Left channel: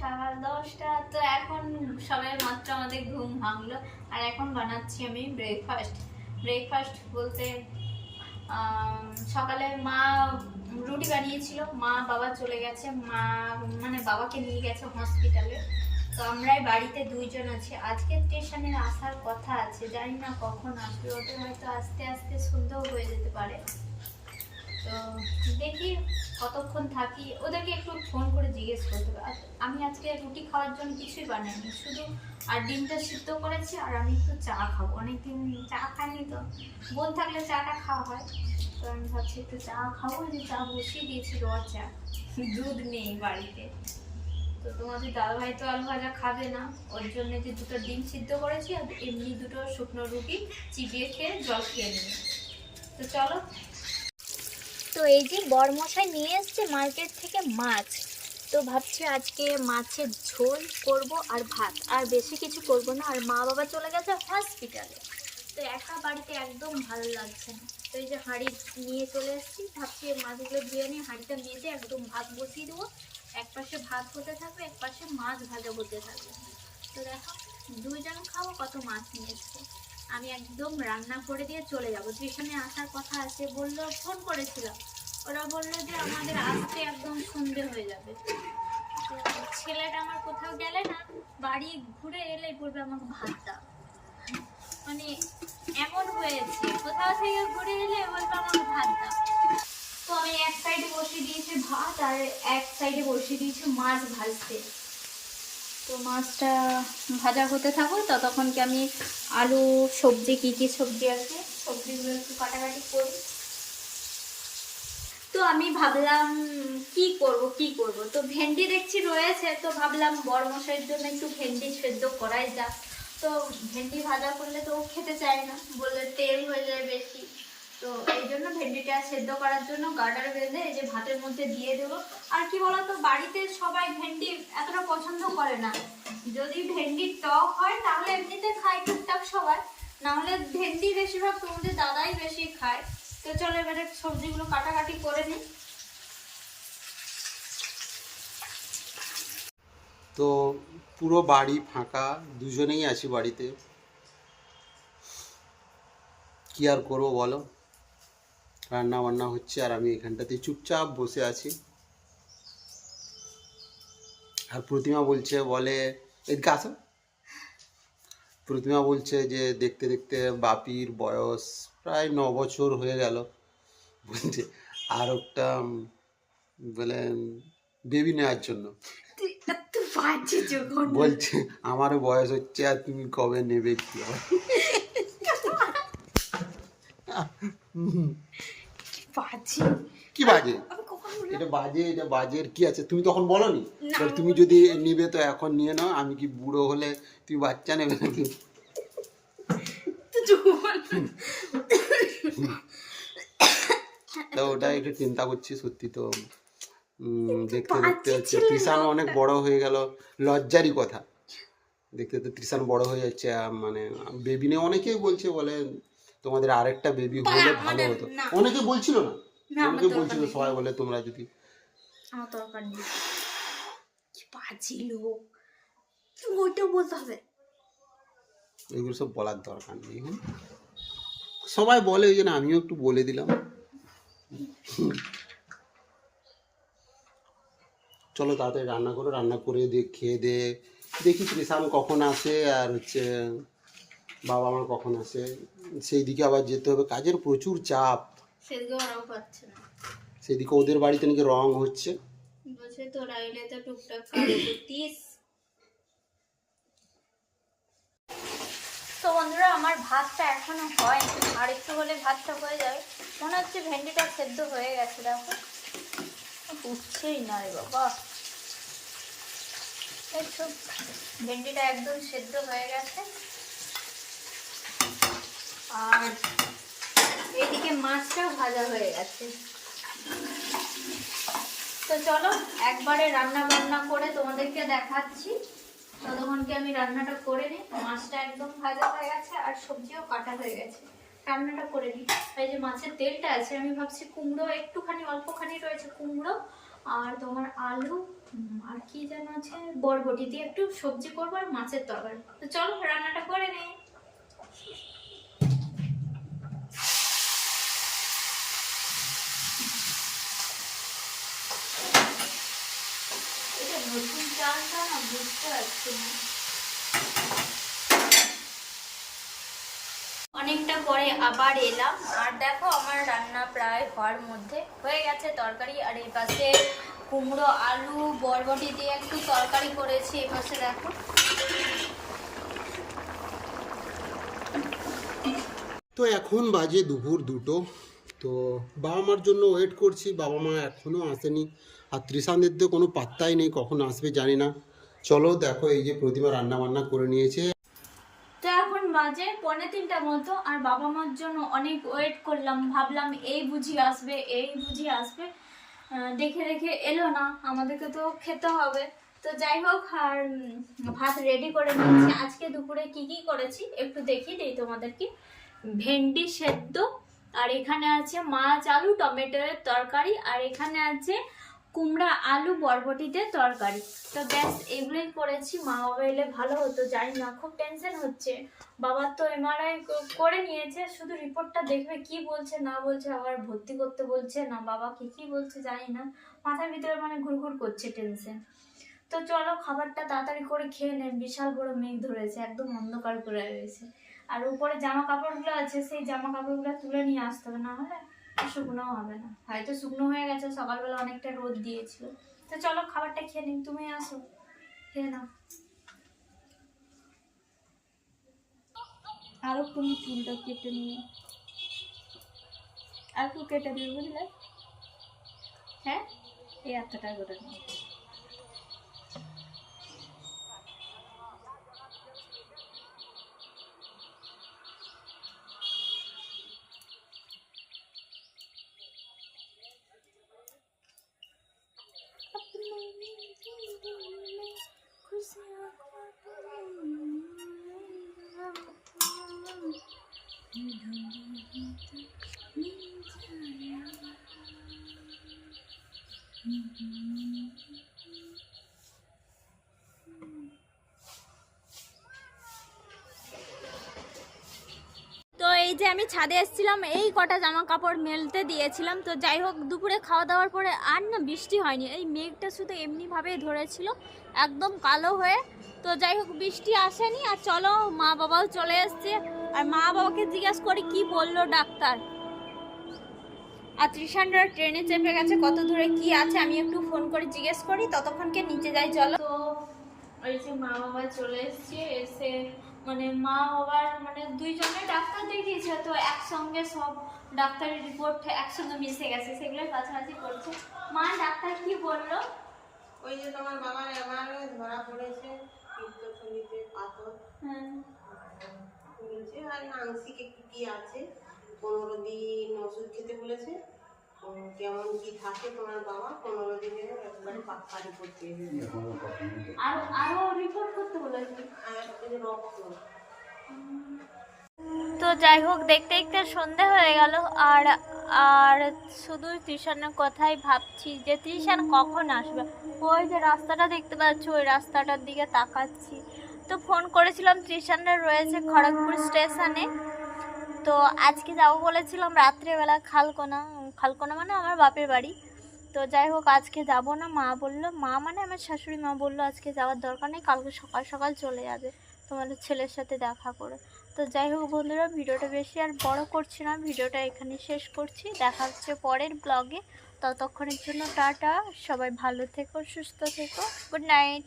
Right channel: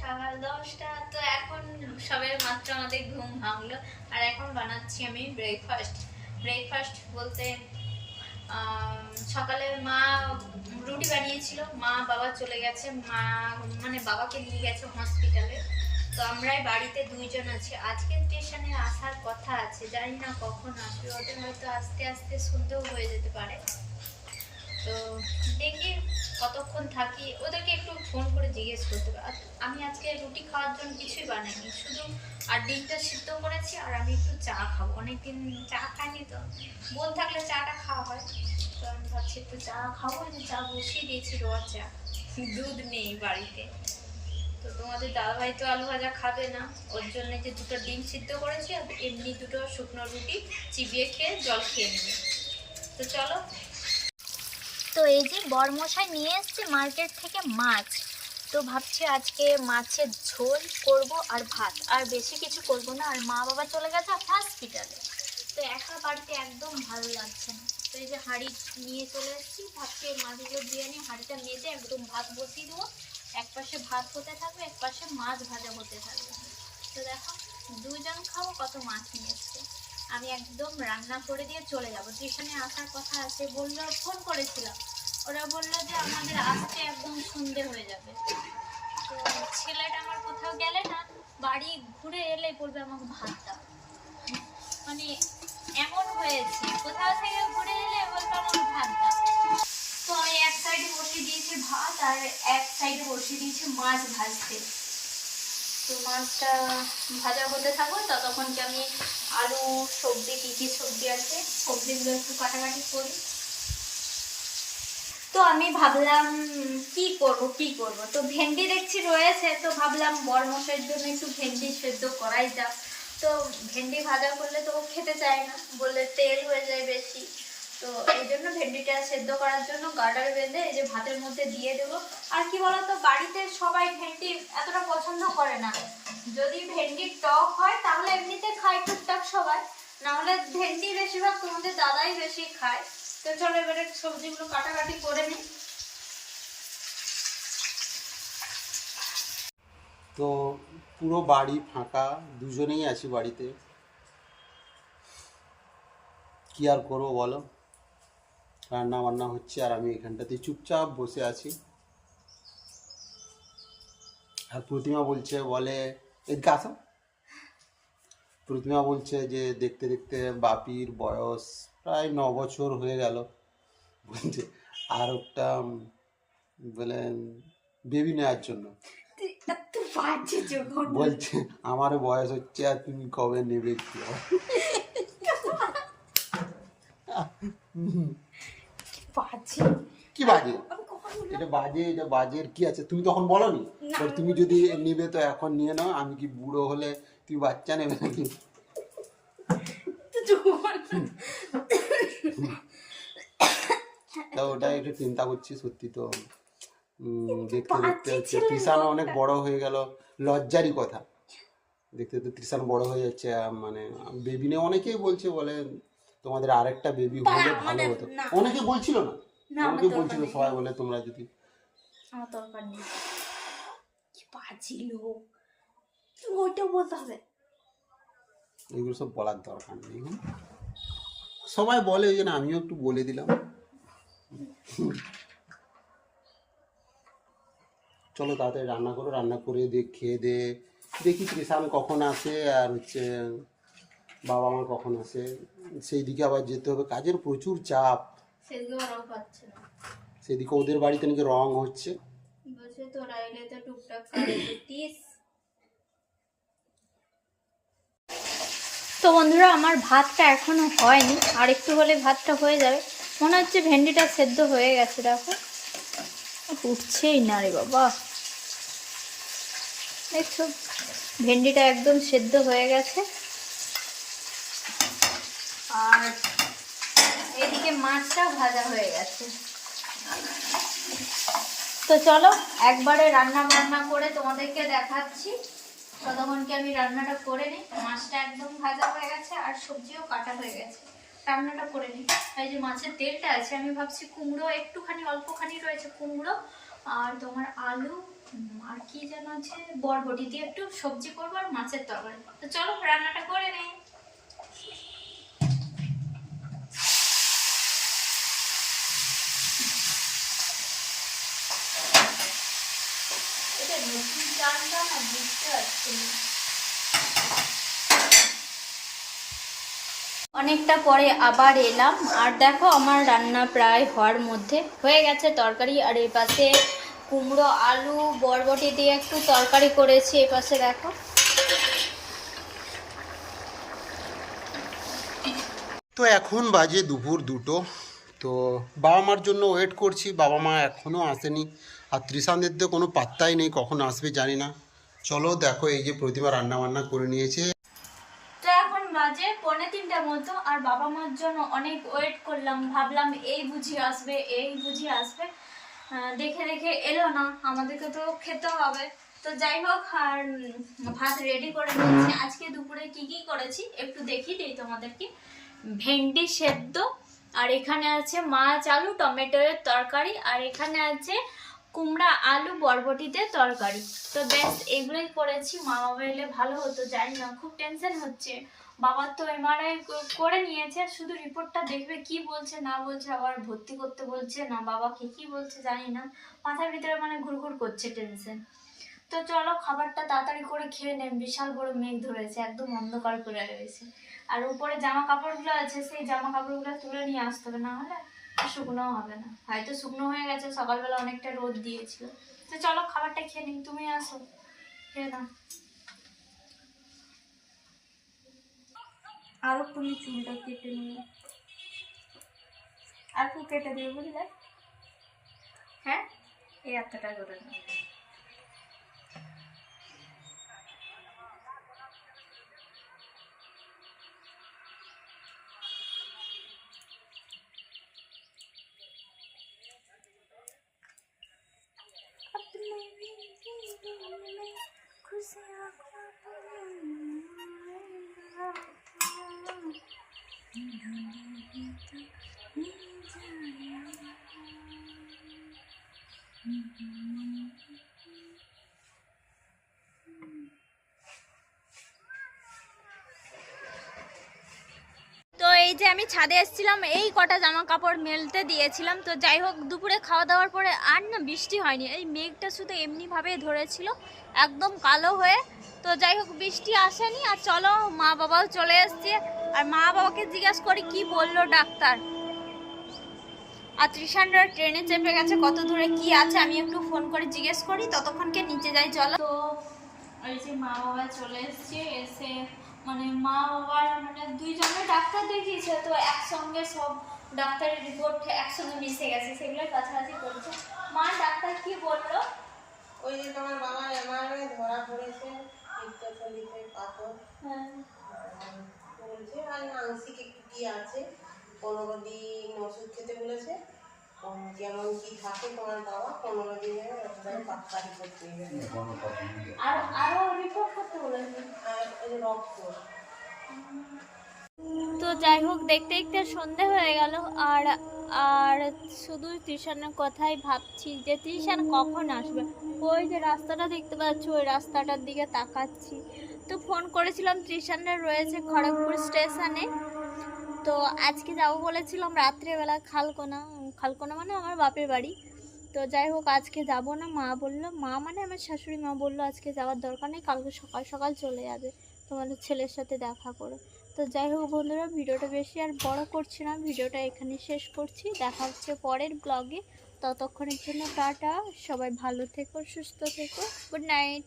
সকাল দশটা, তো এখন সবে মাত্র আমাদের ঘুম ভাঙলো। আর এখন বানাচ্ছি আমি ব্রেকফাস্ট ব্রেকফাস্ট বলতে সকালে মা রুটি বানিয়েছিল। মা, বাবা চলে গেছে। মা মানে বাবাকে নিয়ে গেছে হসপিটালে তো আমরাই বাড়িতে দুইজন আছি। আজকে স্টেশনে আসার কথা আছে। জানি না কখন আসবে। ওদের হয়তো আস্তে আস্তে সন্দেহ হয়ে যেতে পারে। তো দেখি কতক্ষণ থাকি। ওদেরকে একটু ফোন করে জিজ্ঞেস করতে আর আমি আজকে রুটি খাওয়ার জন্য কিছুই বানাইনি, শুধু আর ডিমটা সিদ্ধ করেছি আর আমি একটু চা খাব। অনেকদিন চা খাইনি তো বোন থাকলে চাটা খাওয়া হয়। তো আমি ভাবছি একটু চা খাব যে চা বসিয়ে দিয়েছি রোয়া চা। দুধ নেই বাড়িতে। তো তোমাদের দাদাভাই তো আলু ভাজা খাবে না, ওর জন্য যে দুটো ডিম সিদ্ধ করেছি আর এমনি দুটো শুকনো রুটি চিবিয়ে খেয়ে জল খেয়ে নেবে। তো চলো তো এই যে বরমশাই নিয়ে এসছে মার্কেট থেকে মাছ। তো ভাবছি আজকে মাছের ঝোল করব আর ভাত। আর বেশি কিছু করব না, আর মা বাবা চলে গেছে হসপিটালে তো একা বাড়িতে একদম ভালো লাগছে না। তো এই যে হাঁড়ি নিয়ে চলে এসেছি, ভাবছি মাছগুলো দিয়ে নিয়ে হাঁড়িটা মেজে একদম ভাত বসিয়ে দেবো। এক পাশে ভাত হতে থাকবে, এক পাশে মাছ ভাজা হতে থাকবে। তো দেখো দুজন খাব, কত মাছ নিয়ে এসছে। আমি একদম রান্না করে দিয়ে চলে যাব। যেখানে আসার কথা আছে, বলল ফোন করেছিলাম। ওরা বলল যে আমাদের আসতে একদম সন্ধে হয়ে যাবে। তো ছেলেটা আমার কোথাও গেলে না, বাড়ি ঘুরে এলে বলবে আমাকে ভাত দাও। মানে এমন হয়েছে, কোথাও থেকে ঘুরে এলে বলবে আমাকে ভাত দাও। তো আমি এক সাইডে বসিয়ে দিয়েছি ভাত আর এক সাইডে বসিয়ে দিয়েছি মাছ ভাজতে। তো মাছটা ভাজা হতে থাকুক, ততক্ষণ কি আমি আলু, সবজি, কী কী সবজি আছে, সবজিগুলো একটু কাটাকাটি করি। তো আমি ভাবলাম, কি করব কি করব? তো ভেন্ডি দেখছি রয়েছে, তো ভাবলাম বড় মশাইয়ের জন্য একটু ভেন্ডি সেদ্ধ করাই যাক। তো ভেন্ডি ভাজা করলে তো খেতে চায় না, বললে তেল হয়ে যায় বেশি। তো এই জন্য ভেন্ডিটা সেদ্ধ করার জন্য গার্ডার বেঁধে এই যে ভাতের মধ্যে দিয়ে দেবো। আর কি বলতো, বাড়িতে সবাই ভেন্ডি এতটা পছন্দ করে না। যদি ভেন্ডির টক হয়, তাহলে এমনিতে খায় টুকটাক সবাই। নাহলে ভেন্ডি বেশিরভাগ তোমাদের দাদাই বেশি খায়। তো চলো এবারে সবজিগুলো কাটাকাটি করে নিই। তো পুরো বাড়ি ফাঁকা, দুজনেই আছি বাড়িতে। কি আর করব বলো? রান্না বান্না হচ্ছে আর আমি এখানটাতে চুপচাপ বসে আছি। আর প্রতিমা বলছে বলে এদিকে আসো। প্রতিমা বলছে যে দেখতে দেখতে বাপির বয়স প্রায় ন বছর হয়ে গেল। বলছে আর একটা বলে বেবি নেওয়ার জন্য। বলছে আমারও বয়স হচ্ছে আর তুমি কবে নেবে কি? বাজে। কি বাজে? এটা বাজে এটা বাজের কি আছে? তুমি তখন বলনি? না, তুমি যদি নিবে তো এখন নিয়ে নাও আমি কি বুড়ো হলে তুমি বাচ্চা নেবে নাকি? তো ওটা একটু চিন্তা করছি সত্যি তো। দেখতে দেখতে হচ্ছে। তৃষান অনেক বড় হয়ে গেল। লজ্জারই কথা। দেখতে দেখতে তৃষান বড় হয়ে যাচ্ছে মানে বেবি নিয়ে অনেকেই বলছে বলে তোমাদের আরেকটা বেবি হলে ভালো হতো। অনেকে বলছিল না। অনেকে বলছিল সবাই বলে তোমরা যদি আমার দরকার নেই। বলতে হবে। এগুলো সব বলার দরকার নেই সবাই বলে ওই জন্য আমিও একটু বলে দিলাম। চলো তাড়াতাড়ি রান্না করো রান্না করে দিয়ে খেয়ে দে। দেখি কৃষান কখন আসে আর হচ্ছে বাবা আমার কখন আসে? সেই দিকে আবার যেতে হবে। কাজের প্রচুর চাপ। সেদিকে ওরাও পাচ্ছে না। সেদিকে ওদের বাড়িতে নাকি রং হচ্ছে। বলছে তোরা এলে তো টুকটাক কাজে করতিস তো বন্ধুরা আমার ভাতটা এখনও হয়নি। আর একটু হলে ভাতটা হয়ে যাবে। মনে হচ্ছে ভেন্ডিটা সেদ্ধ হয়ে গেছে দেখো। উঠছেই না রে বাবা। দেখছ ভেন্ডিটা একদম সেদ্ধ হয়ে গেছে। আর এদিকে মাছটাও ভাজা হয়ে গেছে। তো চলো, একবারে রান্না বান্না করে তোমাদেরকে দেখাচ্ছি। ততক্ষণকে আমি রান্নাটা করে নিই। মাছটা একদম ভাজা হয়ে গেছে আর সবজিও কাটা হয়ে গেছে। রান্নাটা করে নিই। এই যে মাছের তেলটা আছে, আমি ভাবছি কুমড়ো, একটুখানি, অল্পখানি রয়েছে কুমড়ো আর তোমার আলু আর কি যেন আছে, বরবটি দিয়ে একটু সবজি করব আর মাছের তরকারি। তো চলো, রান্নাটা করে নেই। না বুঝতে পারছি না অনেকটা পরে আবার এলাম। আর দেখো, আমার রান্না প্রায় হওয়ার মধ্যে হয়ে গেছে তরকারি। আর এই পাশে কুমড়ো, আলু, বরবটি দিয়ে একটু তরকারি করেছি এই পাশে দেখো। তো এখন বাজে দুপুর দুটো। তো বাবা মার জন্য ওয়েট করছি। বাবা মা এখনও আসেনি। আর ত্রিশানদের তো কোনো পাত্তাই নেই, কখন আসবে জানি না। চলো দেখো এই যে প্রতিমা রান্না বান্না করে নিয়েছে। তো এখন বাজে পৌনে তিনটা মতো, আর বাবা মার জন্য অনেক ওয়েট করলাম, ভাবলাম এই বুঝি আসবে, এই বুঝি আসবে। দেখে দেখে এলো না, আমাদেরকে তো খেতে হবে। তো যাই হোক, আর ভাত রেডি করে নিয়েছি। আজকে দুপুরে কি কি করেছি, একটু দেখিয়ে দিই তোমাদেরকে। ভেন্ডি সেদ্ধ, আর এখানে আছে মাছ, আলু, টমেটোর তরকারি, আর এখানে আছে কুমড়া, আলু, বরবটিতে তরকারি। তো ব্যাস, এগুলোই করেছি। মা বাবা এলে ভালো হতো জানি না, খুব টেনশন হচ্ছে। বাবার তো এমআরআই করে নিয়েছে, শুধু রিপোর্টটা দেখবে কি বলছে, না বলছে, আবার ভর্তি করতে বলছে, না বাবা কি কি বলছে জানি না। মাথার ভিতরে মানে ঘুরঘুর করছে টেনশন তো চলো, খাবারটা তাড়াতাড়ি করে খেয়ে নেন বিশাল বড় মেঘ ধরেছে, একদম অন্ধকার করে রয়েছে। আর উপরে জামা কাপড়গুলো আছে, সেই জামা কাপড়গুলো তুলে নিয়ে আসতে হবে, না হলে শুকনো হবে না। হয়তো শুকনো হয়ে গেছে, সকালবেলা অনেকটা রোদ দিয়েছিল। তো চলো, খাবারটা খেয়ে নিন তুমি আসো। খেয়ে না আরও তুমি চুলটা কেটে নিয়ে আর একটু কেটে দিও বুঝলে? হ্যাঁ? এই এতটা করে নাও এই যে আমি ছাদে এসেছিলাম, এই কটা জামা কাপড় মেলতে দিয়েছিলাম। তো যাই হোক, দুপুরে খাওয়া দাওয়ার পরে আর না বৃষ্টি হয়নি। এই মেঘটা শুধু এমনিভাবে ধরেছিল, একদম কালো হয়ে। তো যাই হোক, বৃষ্টি আসেনি, আর চলো মা বাবাও চলে এসছে। আর মা বাবাকে জিজ্ঞাসা করি কি বলল ডাক্তার? আর ত্রিশানরা ট্রেনে চেপে গেছে কত দূরে কি আছে আমি একটু ফোন করে জিজ্ঞেস করি ততক্ষণকে নিচে যাই চলো। তো এই যে মা বাবা চলে এসছে এসে মানে মা বাবার মানে দুইজনে ডাক্তার দেখিয়েছে তো একসঙ্গে সব ডাক্তারের রিপোর্ট একসঙ্গে মিশে গেছে সেগুলোই কাছাকাছি করছে। মা ডাক্তার কি বলল? ওই যে তোমার বাবার এমআরআই ধরা পড়েছে পাথর। হ্যাঁ। বলছে আর আংশিক একটু কি আছে? পনেরো দিন ওষুধ খেতে বলেছে। কেমন কি থাকে তোমার বাবা? পনেরো দিনে একবারে পাক্কা রিপোর্ট পেয়ে যাবে আর আরও রিপোর্ট করতে বলেছে। আর এই যে রক্ত। তো যাই হোক দেখতে দেখতে সন্ধে হয়ে গেল। আর আর শুধু টিউশনের কথাই ভাবছি যে টিউশন কখন আসবে? ওই যে রাস্তাটা দেখতে পাচ্ছি ওই রাস্তাটার দিকে তাকাচ্ছি। তো ফোন করেছিলাম টিউশনরা রয়েছে খড়গপুর স্টেশনে। তো আজকে যাব বলেছিলাম রাত্রেবেলা খালকোনা খালকোনা মানে আমার বাপের বাড়ি। তো যাই হোক, আজকে যাব না, মা বলল, মা মানে আমার শাশুড়ি মা বলল আজকে যাওয়ার দরকার নেই, কালকে সকাল সকাল চলে যাবে তোমাদের ছেলের সাথে দেখা করে। তো যাই হোক বন্ধুরা, ভিডিওটা বেশি আর বড় করছি না, ভিডিওটা এখানে শেষ করছি। দেখা হচ্ছে পরের ব্লগে ততক্ষণের জন্য টাটা, সবাই ভালো থেকো, সুস্থ থেকো গুড নাইট